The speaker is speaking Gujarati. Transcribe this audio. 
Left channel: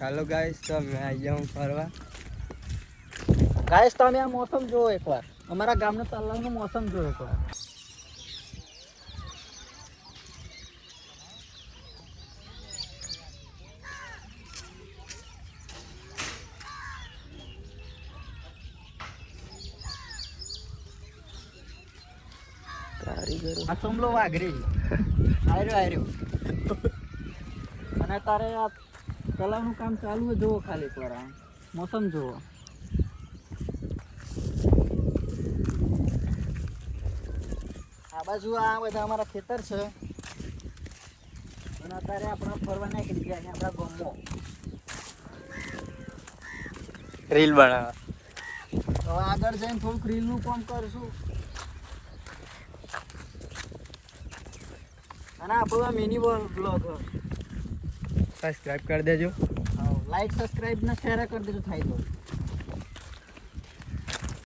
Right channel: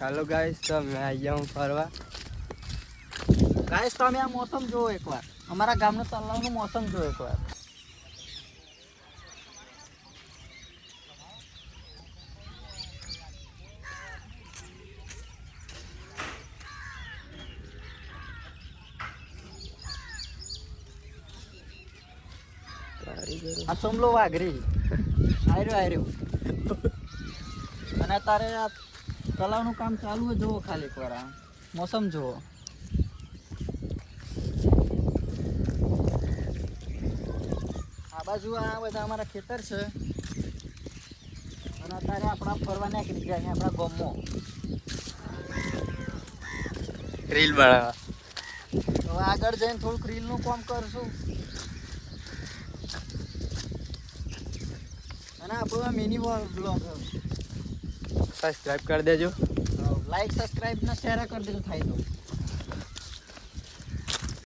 हेलो गाइस, तो मैं आया हूँ फरवा। ગાઈસ તમે આ મોસમ જોવો એકવાર. અમારા ગામનો તલાવનો મોસમ જોવો એકવાર. આ સમલો વાઘરી આર્યો અને તારે આ તલાવનું કામ ચાલુ હોય જોવો ખાલી એકવાર આ મોસમ જોવો. આ બાજુ આ બધા અમારા ખેતર છે અને અત્યારે આપણા ફરવા નીકળી ગયા અને આપણા ગામમાં રીલ બનાવવા. હવે આગળ જઈને થોડુંક રીલનું કામ કરશું અને આપણો આ મિની બ્લોગ સબસ્ક્રાઇબ કરી દેજો. લાઈક સબસ્ક્રાઇબ ને શેર કરી દેજો થાય તો